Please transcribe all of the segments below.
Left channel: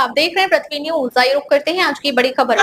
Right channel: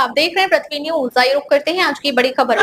आप देख रहे हैं पृथ्वी न्यूज। आइए रुक करते हैं आज की बड़ी खबर।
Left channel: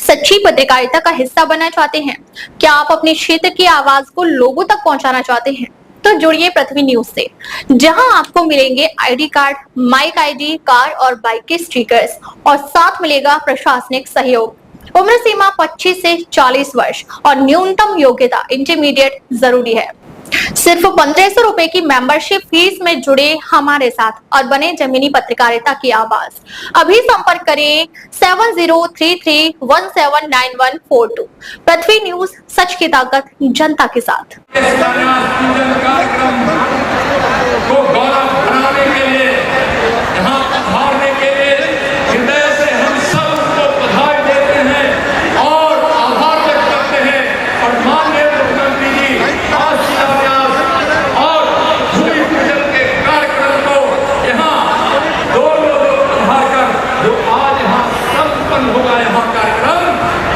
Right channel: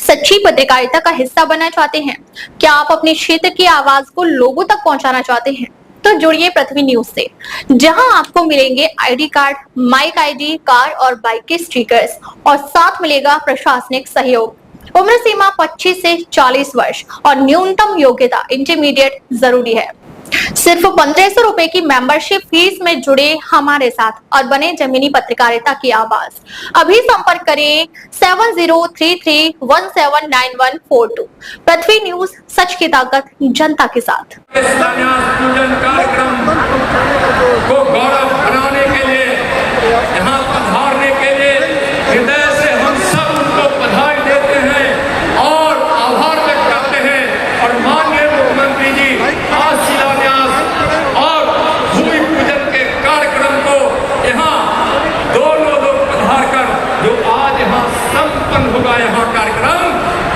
सच्ची पत्रकारिता का हिस्सा बनना चाहते हैं? क्या आप अपने क्षेत्र की आवाज को लोगों तक पहुंचाना चाहते हैं? तो जुड़िए पृथ्वी न्यूज से, जहां आपको मिलेंगे ID card, mic ID, car और बाइक के स्टिकर्स और साथ मिलेगा प्रशासनिक सहयोग। उम्र सीमा 25 से 40 वर्ष और न्यूनतम योग्यता इंटरमीडिएट जरूरी है। सिर्फ 1500 रुपए की मेंबरशिप फीस में जुड़े हमारे साथ और बने जमीनी पत्रकारिता की आवाज। अभी संपर्क करें 7033179142। पृथ्वी न्यूज, सच की ताकत जनता के साथ।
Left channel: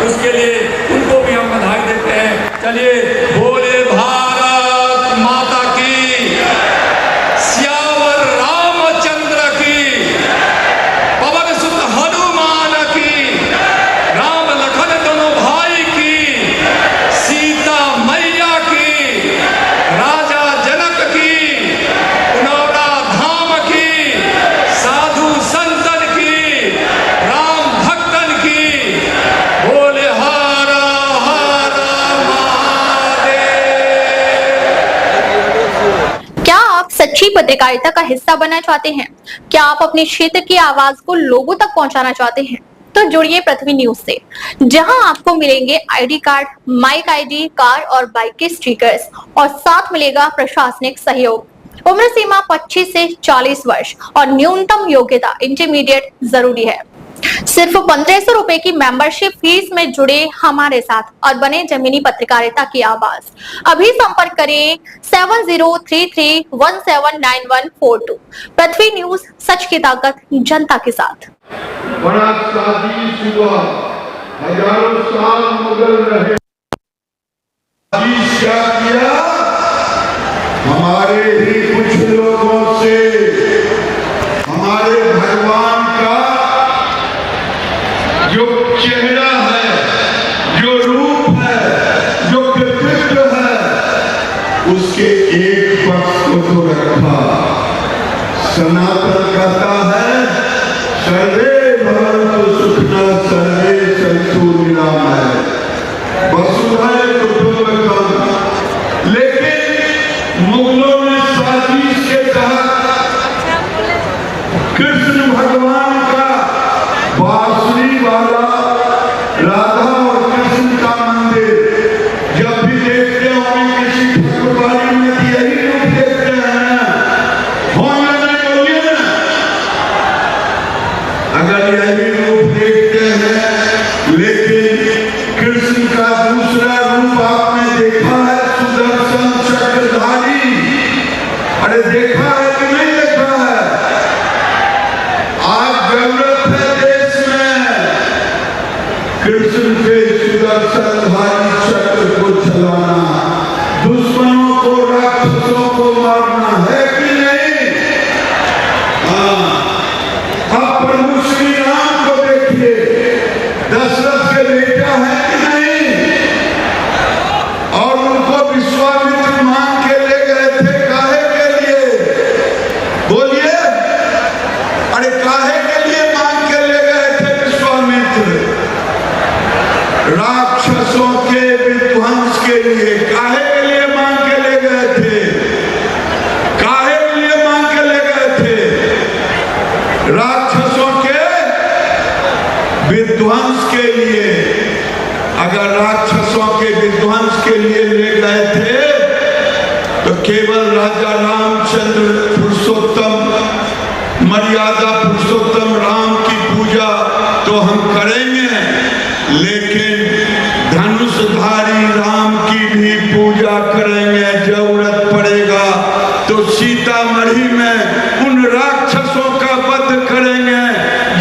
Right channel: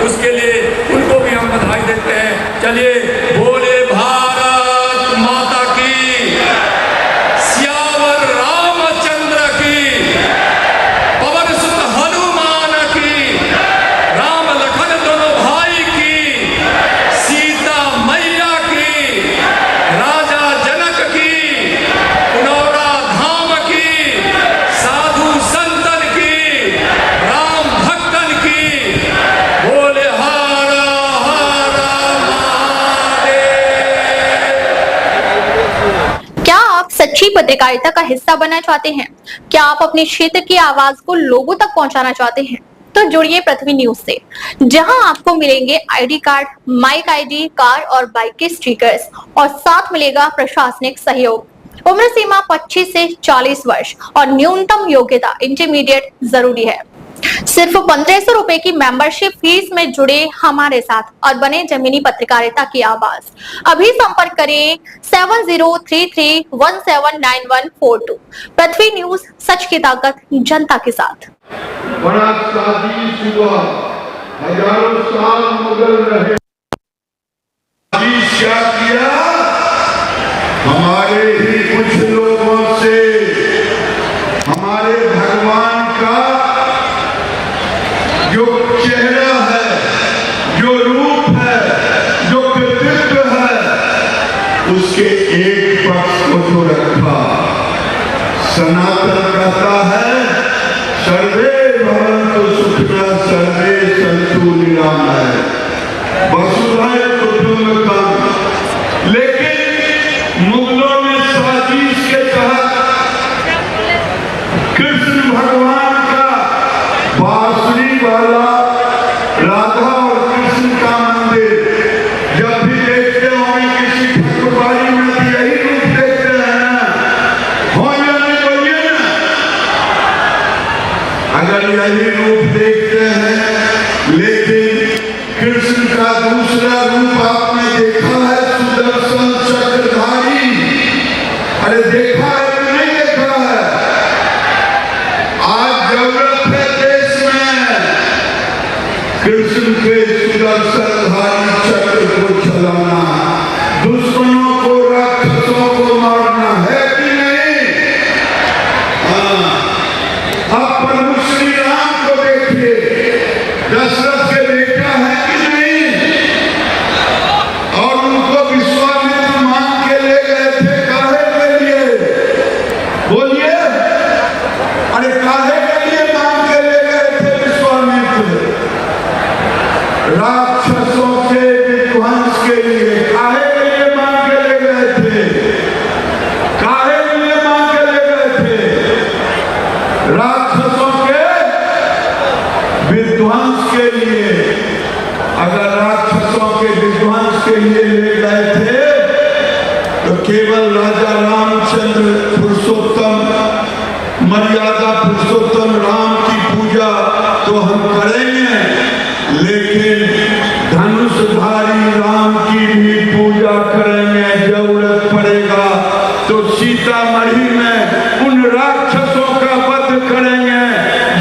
उसके लिए उनको भी हम बधाई देते हैं। चलिए, बोले भारत माता की। पत्रकारिता का हिस्सा बनना चाहते हैं? क्या आप अपने क्षेत्र की आवाज को लोगों तक पहुंचाना चाहते हैं? तो जुड़िए पृथ्वी न्यूज से, जहां आपको मिलेंगे ID card, mic ID, car और बाइक के स्टिकर्स और साथ मिलेगा प्रशासनिक सहयोग। उम्र सीमा 25 से 40 वर्ष और न्यूनतम योग्यता इंटरमीडिएट जरूरी है। सिर्फ 1500 रुपए की मेंबरशिप फीस में जुड़े हमारे साथ और बने जमीनी पत्रकारिता की आवाज। अभी संपर्क करें 7033179142। पृथ्वी न्यूज, सच की ताकत जनता के साथ। बड़ा साजिश हुआ, हजारों साल मुगल रहे। क्या किया? हमारे ही कुछ लोगों से हमारे भगवान का जो चेहरा है, जो रूप है, जो व्यक्तित्व है, उसके एक पक्ष को रखा। सनातन कहता है सर्वे भवन्तु सुखिनः सर्वे सन्तु निरामयाः वसुधैव कुटुम्बकम्। लेकिन मुगलों ने साजिश के तहत कृष्ण भगवान का बांसुरी वाला राधा और कृष्ण का मंदिर जब भी देखते होंगे किसी ठाकुरबाड़ी में यही रूप देखते हैं ना, हो या नहीं बोलिए ना। अगर यही रूप देखते हैं, लेकिन कृष्ण का दूसरा रूप आपने देखा है, सुदर्शन चक्रधारी। अरे देखा है कि नहीं देखा है? आज जरूरत है देश में कृष्ण के सुदर्शनधारी चक्र को चलाना, दुश्मनों को, राक्षसों को मारना है कि नहीं? हाँ, अब प्रभु श्री राम को देखिए, दशरथ के बेटा है कि नहीं? और उनको विश्वामित्र मांग के ले गए थे, काहे के लिए? बोलिए। अरे काहे के लिए मांग के ले गए थे विश्वामित्र? राक्षसों के विध्वंस के लिए। काहे के लिए मांग के ले गए थे? काहे के लिए मांग के ले गए थे? राक्षसों के विध्वंस के लिए। अगर राक्षसों के विध्वंस के लिए ले गए थे तो केवल राजा रामचंद्र पुरुषोत्तम, मर्यादा पुरुषोत्तम राम की पूजा तो हम करेंगे, लेकिन धनुषधारी राम की भी पूजा करेंगे। जरूरत पड़ेगा तो सीतामढ़ी में उन राक्षसों का वध करेंगे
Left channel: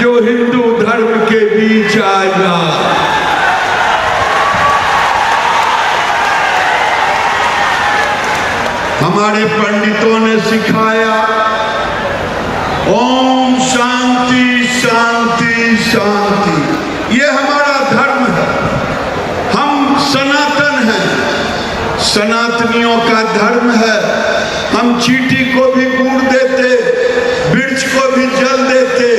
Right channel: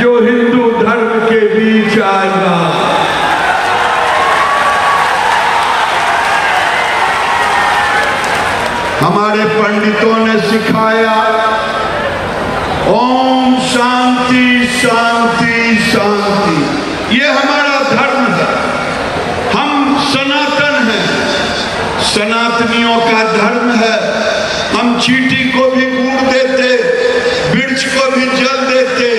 जो हिंदू धर्म के बीच आएगा। हमारे पंडितों ने सिखाया ओम शांति शांति शांति। ये हमारा धर्म है, हम सनातन हैं, सनातनियों का धर्म है। हम चींटी को भी गुड़ देते, वृक्ष को भी जल देते,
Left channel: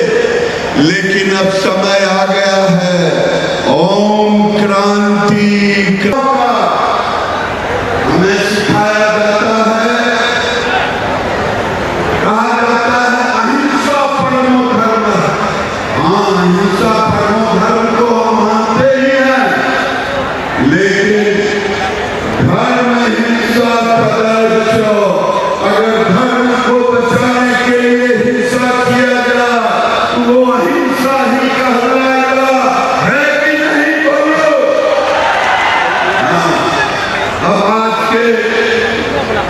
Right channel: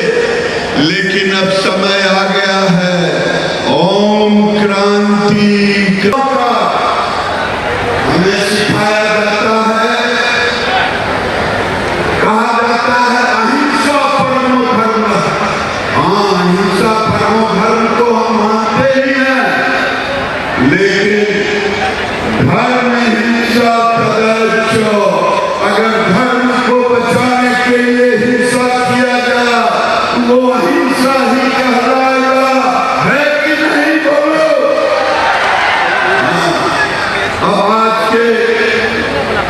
लेकिन अब समय आ गया है ओम क्रांति का। हमें सिखाया जाता है, कहा जाता है अहिंसा परमो धर्म। हाँ, अहिंसा परमो धर्म को हम मानते ही हैं, लेकिन धर्म हिंसा पदच्यो। अगर धर्म को बचाने के लिए हिंसा किया गया, वो अहिंसा ही कहलाएगा, है कि नहीं? बोलो। अब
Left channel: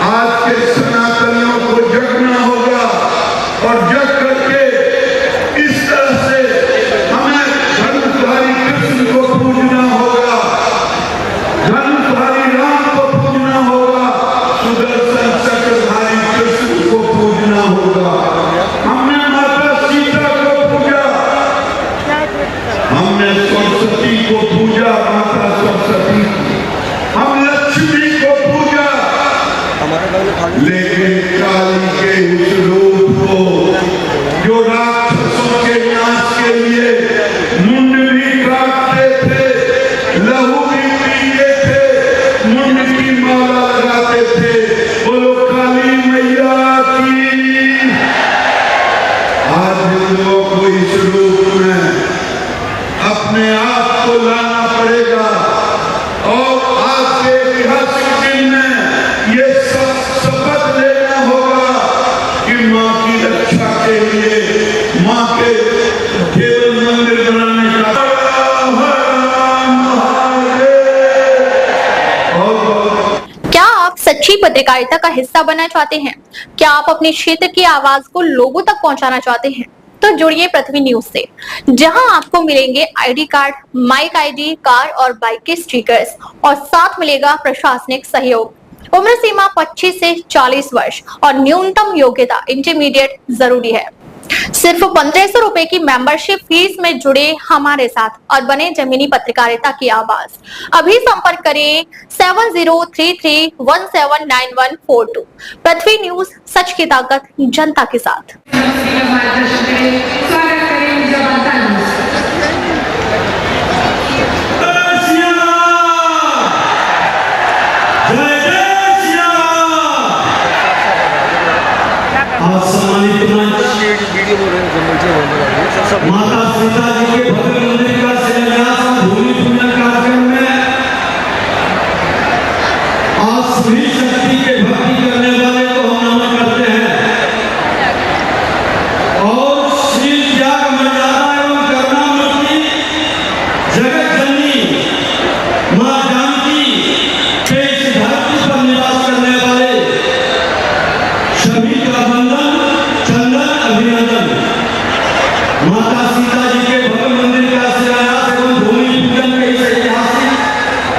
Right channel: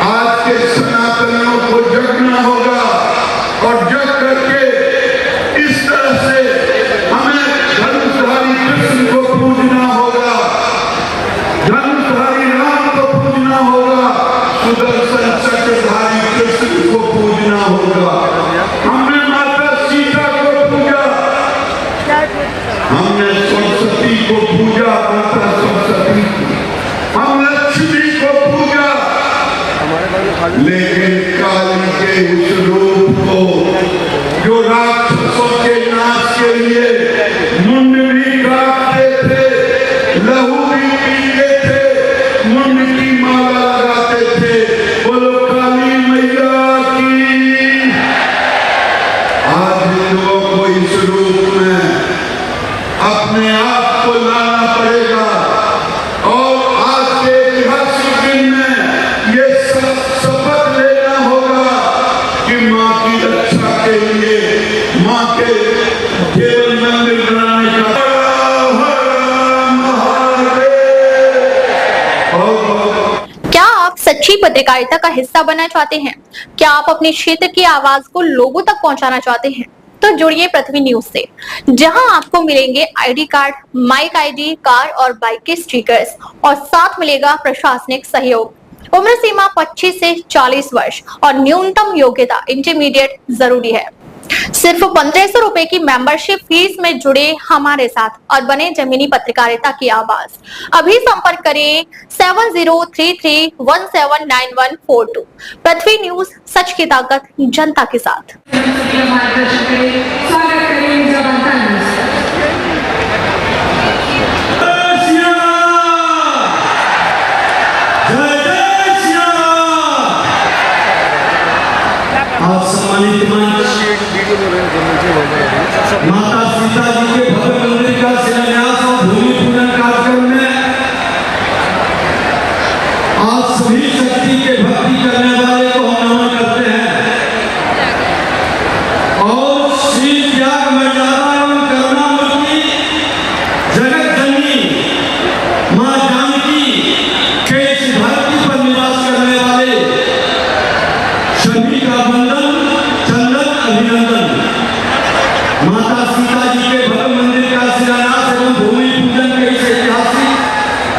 आज के सनातनियों को जगना होगा और जग करके इस तरह से हमें धनुषधारी कृष्ण को पूजना होगा, धनुषधारी राम को पूजना होगा, सुदर्शन चक्रधारी कृष्ण को पूजना होगा। हमने माता सीता को पूजा, हमने सरस्वती को पूजा, माता सरस्वती को, हम लक्ष्मी को पूजा, लेकिन काली के उस रूप को जो राक्षसों के नाश के लिए मुंड भी काटते थे, लहू भी पीते थे, मुंड की माला लगाते थे। बोलो काली मैया की पत्रकारिता का हिस्सा बनना चाहते हैं? क्या आप अपने क्षेत्र की आवाज को लोगों तक पहुंचाना चाहते हैं? तो जुड़िए पृथ्वी न्यूज से, जहां आपको मिलेंगे ID card, mic ID, car और बाइक के स्टिकर्स और साथ मिलेगा प्रशासनिक सहयोग। उम्र सीमा 25 से 40 वर्ष और न्यूनतम योग्यता इंटरमीडिएट जरूरी है। सिर्फ 1500 रुपए की मेंबरशिप फीस में जुड़े हमारे साथ और बने जमीनी पत्रकारिता की आवाज। अभी संपर्क करें 7033179142। पृथ्वी न्यूज, सच की ताकत जनता के साथ। वीडियो बोल रहे हैं माता सीता जी के भव्य मंदिर का शिलान्यास और भूमि पूजन कार्यक्रम में आज सभी शक्ति के भक्ति करने वाले को नमन करते हैं और श्री त्याग मर्यादा एवं करुणामूर्ति जगत जननी मां जानकी के इस धरती पर निवास करने वाले सभी का वंदन, चंदन, अभिनंदन। माता सीता जी के भव्य मंदिर का शिलान्यास एवं भूमि पूजन के इस ऐतिहासिक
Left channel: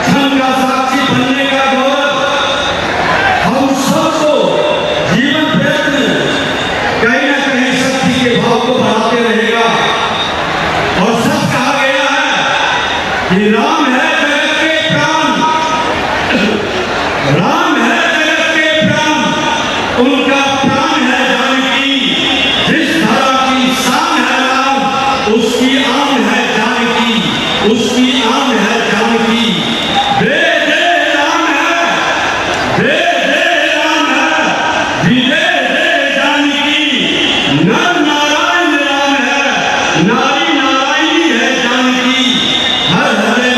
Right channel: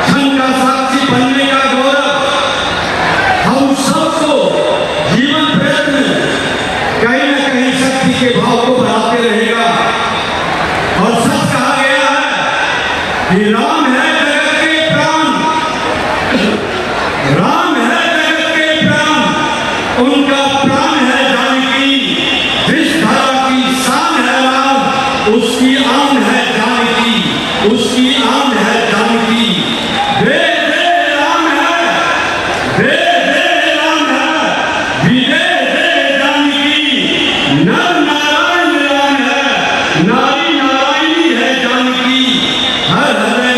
क्षण का साक्षी बनने का गौरव हम सबको जीवन प्रयत्न कहीं न कहीं शक्ति के भाव को बढ़ाते रहेगा। और सच कहा गया है कि राम है जगत के प्राण, राम है जगत के प्राण, उनका प्राण है जानकी। जिस धरा की शान है राम, उसकी आन है जानकी, उसकी आन है जानकी। जय जय राम है, जय जय राम है, विजय जय जानकी। नर नारायण राम है, नारी नारायणी है जानकी। हर हरे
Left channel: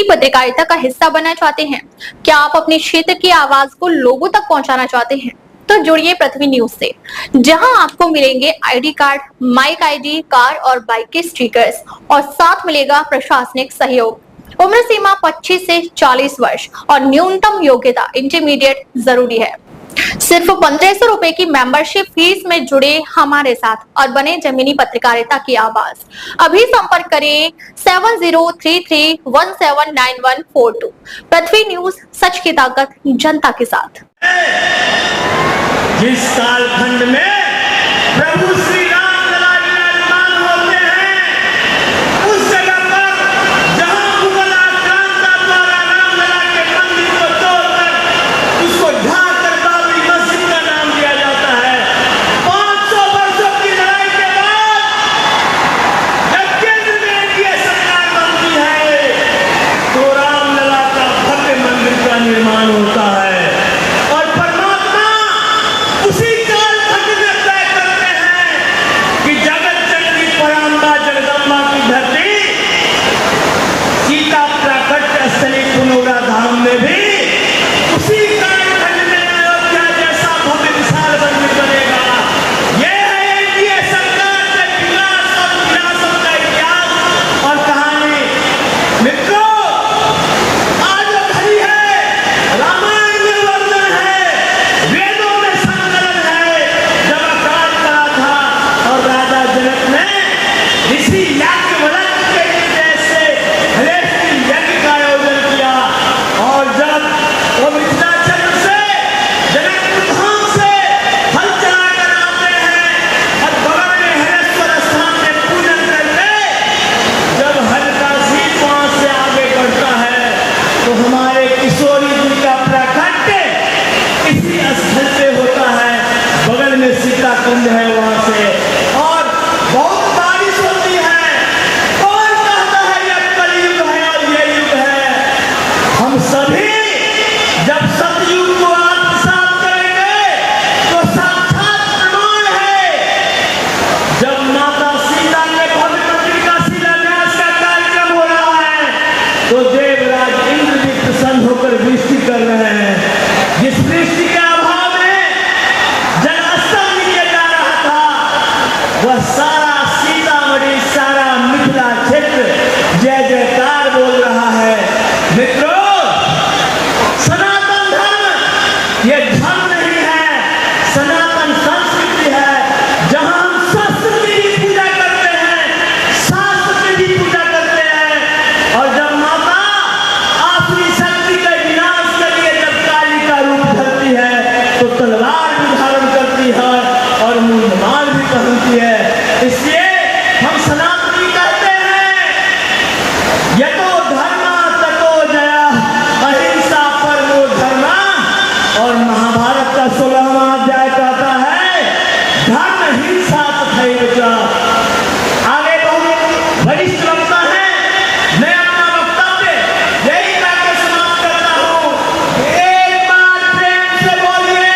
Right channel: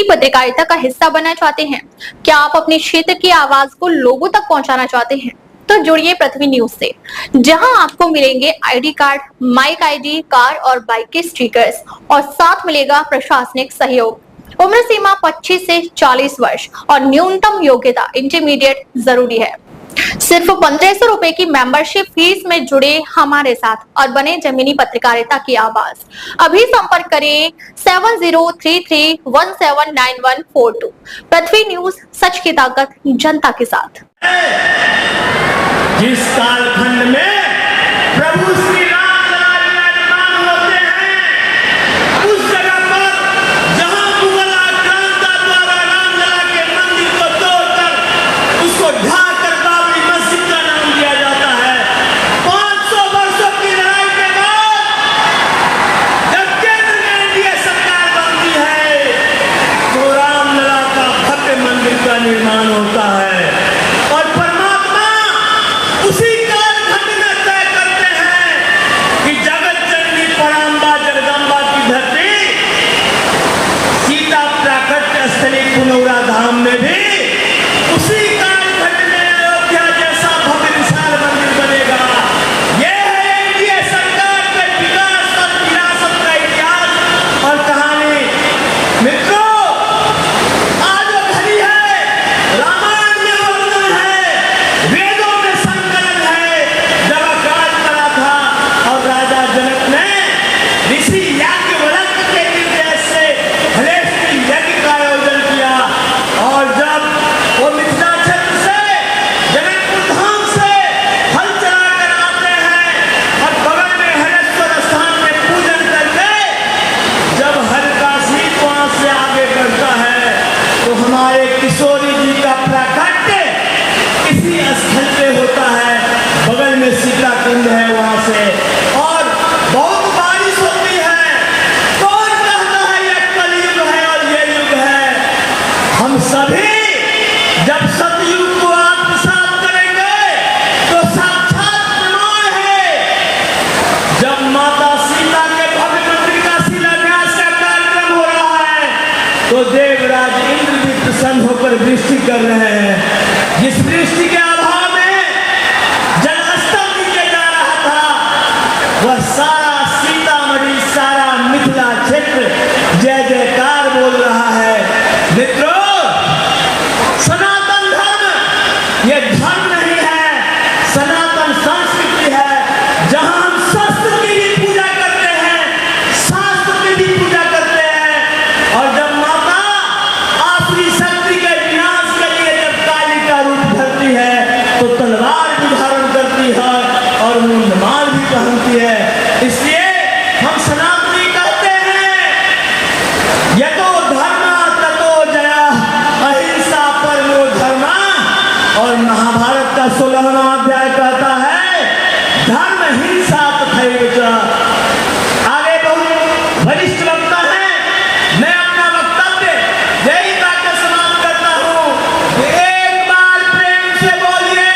अच्छी पत्रकारिता का हिस्सा बनना चाहते हैं? क्या आप अपने क्षेत्र की आवाज को लोगों तक पहुंचाना चाहते हैं? तो जुड़िए पृथ्वी न्यूज से, जहां आपको मिलेंगे ID card, mic ID, car और बाइक के स्टिकर्स और साथ मिलेगा प्रशासनिक सहयोग। उम्र सीमा 25 से 40 वर्ष और न्यूनतम योग्यता इंटरमीडिएट जरूरी है। सिर्फ 1500 रुपए की मेंबरशिप फीस में जुड़े हमारे साथ और बने जमीनी पत्रकारिता की आवाज। अभी संपर्क करें 7033179142। पृथ्वी न्यूज, सच की ताकत जनता के साथ। जिस कालखंड में प्रभु श्री राम विराजमान होते हैं, उस जगह पर जहां मुगल आक्रांता द्वारा रामलला के मंदिर को तोड़कर उसको ढाह कर बाबरी मस्जिद का नाम दिया जाता है। 500 वर्षों की लड़ाई के बाद जब केंद्र में एनडीए सरकार बनती है तो रामलला का भव्य मंदिर का निर्माण होता है और परमात्मा उसी कालखंड में तय करते हैं कि जगत जननी परांबा जगदम्बा की धरती सीता प्राकट्य स्थली पुनौरा धाम में भी उसी कालखंड में अयोध्या जैसा भव्य विशाल मंदिर बनेगा। ये है एनडीए सरकार के विकास और विरासत का इतिहास और कहानी। मित्रों, आज वो घड़ी है, रामायण में वर्णन है, वेदों में संकलन है, जब अकाल पड़ा था और राजा जनक ने ऋषि याज्ञवल्क्य के निर्देश से हरेष्टि यज्ञ का आयोजन किया और जब वो मिथिलांचल से जनकपुर धाम से हल चलाकर आते हैं और बगल में हरेश्वर स्थान में पूजन करके जब हरकाशी वहां से आगे बढ़ता है तो हमारे किशोरी जी का प्राकट्य इसी स्थल पे होता है। बगल में शीतला कुंड है, वहां से और बहुत बारिश होती है। कौन कहता है ये कलयुग है और ये युग है? हम सभी जब सतयुग को आत्मसात करेंगे तो साक्षात प्रमाण है। जब माता सीता के भव्य मंदिर का शिलान्यास का कार्यक्रम हो रहा है तो देवराज इंद्र भी प्रसन्न होकर वृष्टि कर रहे हैं। जिस वृष्टि के अभाव में जलस्तर नीचे जा रहा था, वह सारा सीतामढ़ी, सारा मिथिला क्षेत्र जय जयकार बोल रहा है। मित्रों, सनातन धर्म ये धर्म नहीं है, सनातन संस्कृति है, जहां हम शस्त्र की भी पूजा करते हैं, शास्त्र की भी पूजा करते हैं और जब माता अपनी शक्ति के विनाश के लिए जब काली का रूप धरती है तो तलवार भी धारण करती है और मूंढमाल भी पहनती है। इसलिए हम सनातनी कहते हैं यतो धर्मा ततो जया, अहिंसा परमो धर्मा। और महाभारत का 16वां अध्याय कहता है धर्म हिंसा तथैव च। आगे बहुत वरिष्ठ वक्ता है, मैं अपना वक्तव्य यही कहकर समाप्त करता हूं। एक बार प्रेम से बोलिए,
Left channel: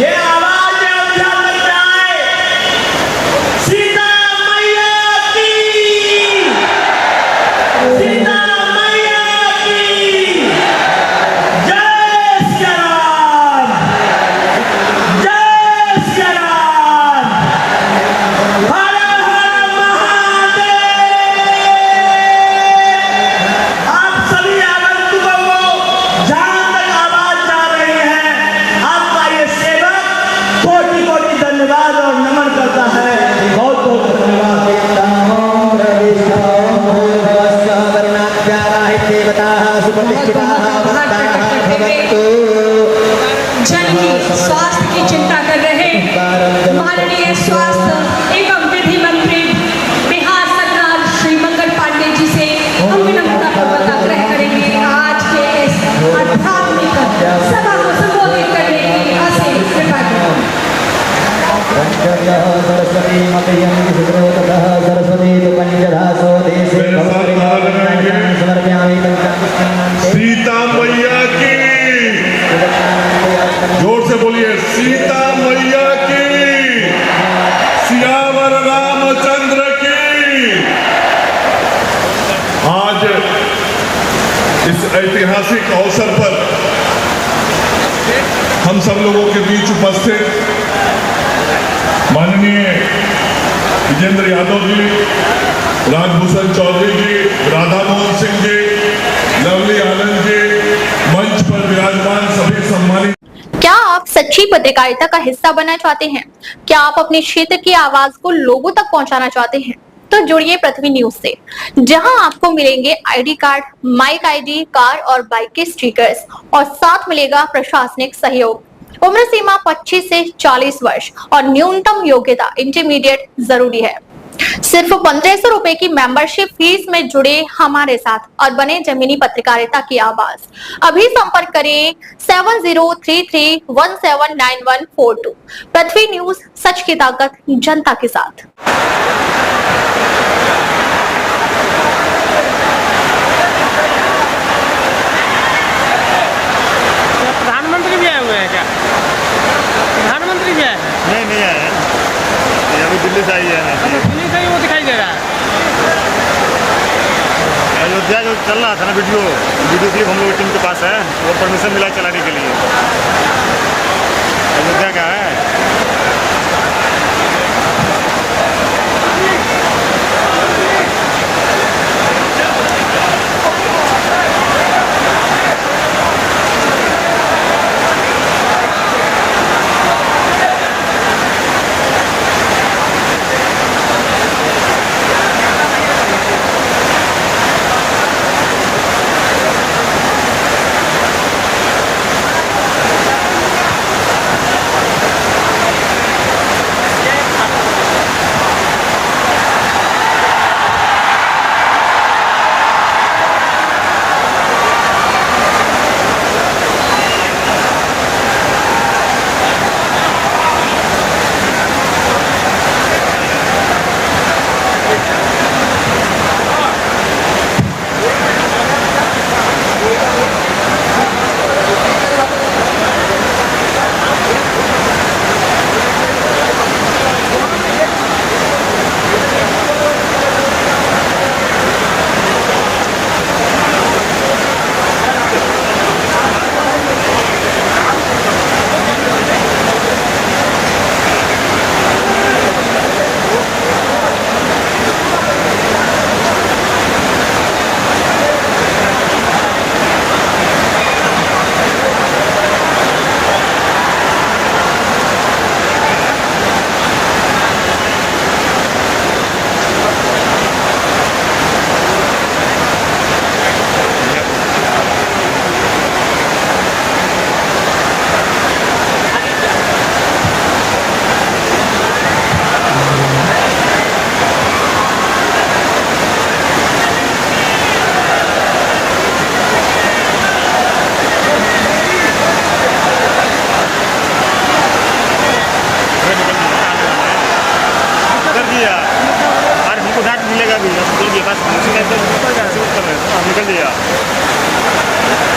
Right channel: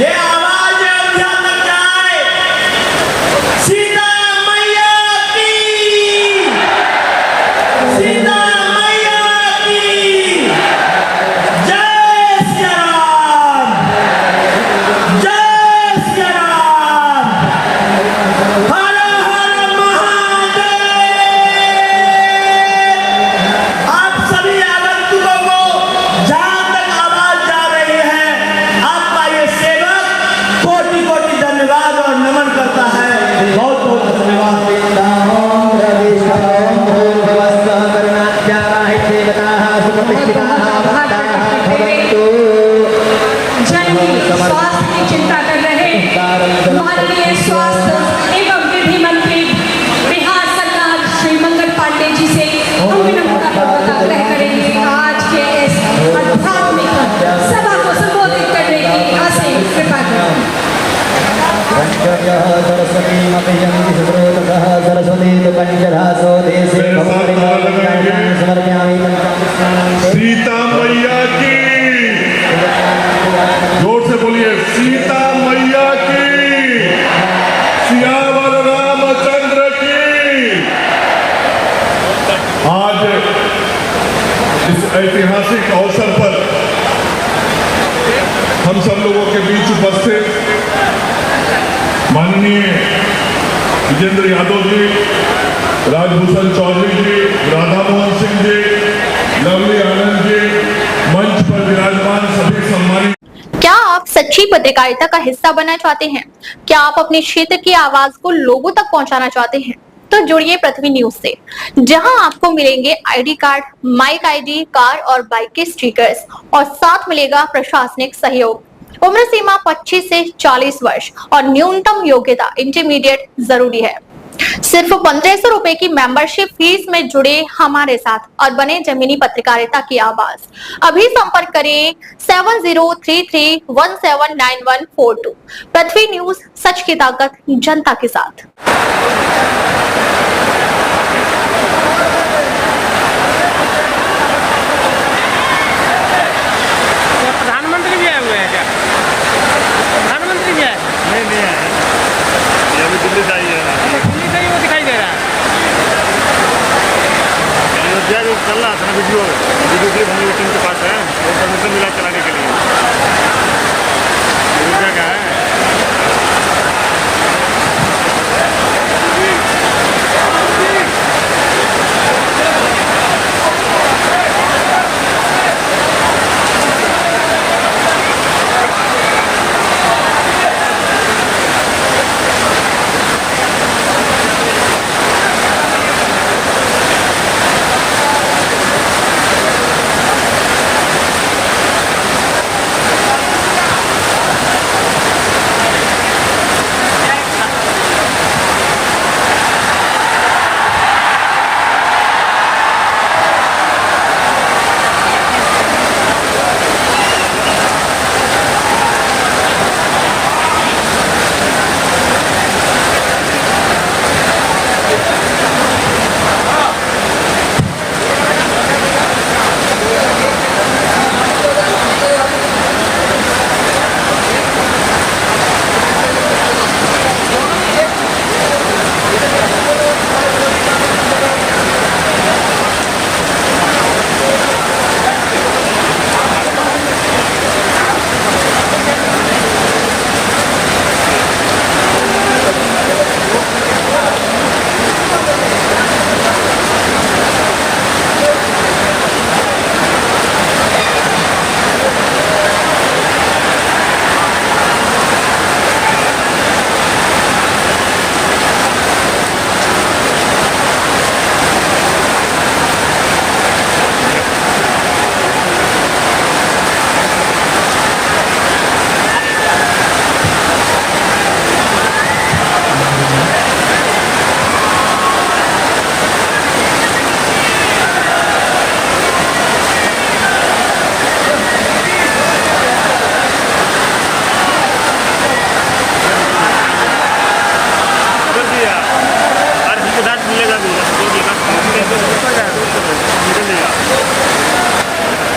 ये आवाज अयोध्या तक जाए। सीता मैया की, सीता मैया की जय श्री राम, जय श्री राम, हर हर महादेव। आप सभी आगंतुकों को जहां तक आवाज जा रही है, आपका ये सेवक कोटि कोटि धन्यवाद और नमन करता है। बहुत बहुत धन्यवाद। जन की स्वास्थ्य की चिंता कर रहे माननीय स्वास्थ्य एवं विधि मंत्री बिहार सरकार श्री मंगल पांडे जी से हम विनम्रतापूर्वक आग्रह करेंगे आज के इस आध्यात्मिक सभा को संबोधित करने की असीम कृपा करें। सरस्वती मतयं सुब्रोतः सरस्वती तो पंचधासो देशे भवरे समर्पयामि पंचामृतं। सीता मैया की, जोर से बोलिए, सीता मैया की, सियावर रामचंद्र की। आज राजभूषण चौधरी जी, राधा मोहन सिंह जी, लवली आनंद जी, मंच पर विराजमान सभी सम्मानित। क्या आप सच्ची पत्रकारिता का हिस्सा बनना चाहते हैं? क्या आप अपने क्षेत्र की आवाज को लोगों तक पहुंचाना चाहते हैं? तो जुड़िए पृथ्वी न्यूज से, जहां आपको मिलेंगे ID card, mic ID, car और बाइक के स्टिकर्स और साथ मिलेगा प्रशासनिक सहयोग। उम्र सीमा 25 से 40 वर्ष और न्यूनतम योग्यता इंटरमीडिएट जरूरी है। सिर्फ 1500 रुपए की मेंबरशिप फीस में जुड़े हमारे साथ और बने जमीनी पत्रकारिता की आवाज। अभी संपर्क करें 7033179142। पृथ्वी न्यूज, सच की ताकत जनता के साथ। क्या प्रधानमंत्री भी आए हुए हैं? क्या प्रधानमंत्री भी आए हैं? नहीं आया, ये अभी दिल्ली से आई है। अच्छा, दिल्ली से ही वो दिखाई दे रहा है। अयोध्या में चल रहा था ना वीडियो क्लिप, हम लोग टीम के पास है और परमिशन मिला चलाने के लिए। अयोध्या का है।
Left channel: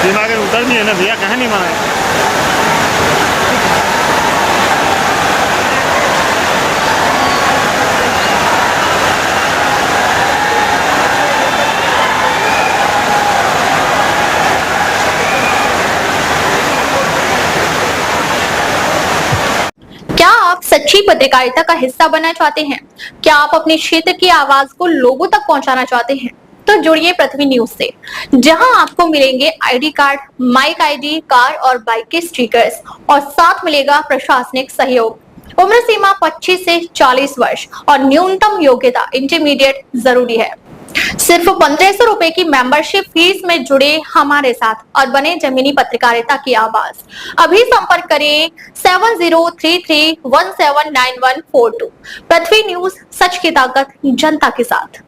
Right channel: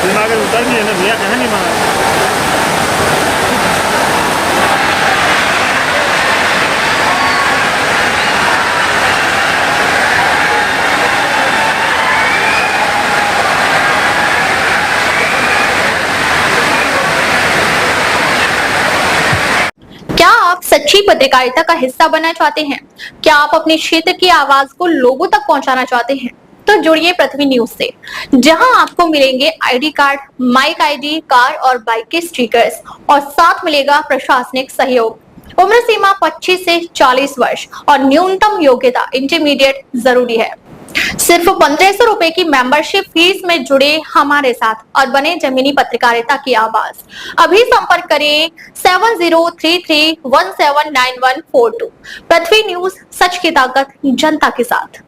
दिमाग में होता ही नहीं है ना भैया, कहे नहीं माना। क्या आप सच्ची पत्रकारिता का हिस्सा बनना चाहते हैं? क्या आप अपने क्षेत्र की आवाज को लोगों तक पहुंचाना चाहते हैं? तो जुड़िए पृथ्वी न्यूज से, जहां आपको मिलेंगे ID card, mic ID, car और बाइक के स्टिकर्स और साथ मिलेगा प्रशासनिक सहयोग। उम्र सीमा 25 से 40 वर्ष और न्यूनतम योग्यता इंटरमीडिएट जरूरी है। सिर्फ 1500 रुपए की मेंबरशिप फीस में जुड़े हमारे साथ और बने जमीनी पत्रकारिता की आवाज। अभी संपर्क करें 7033179142। पृथ्वी न्यूज, सच की ताकत जनता के साथ।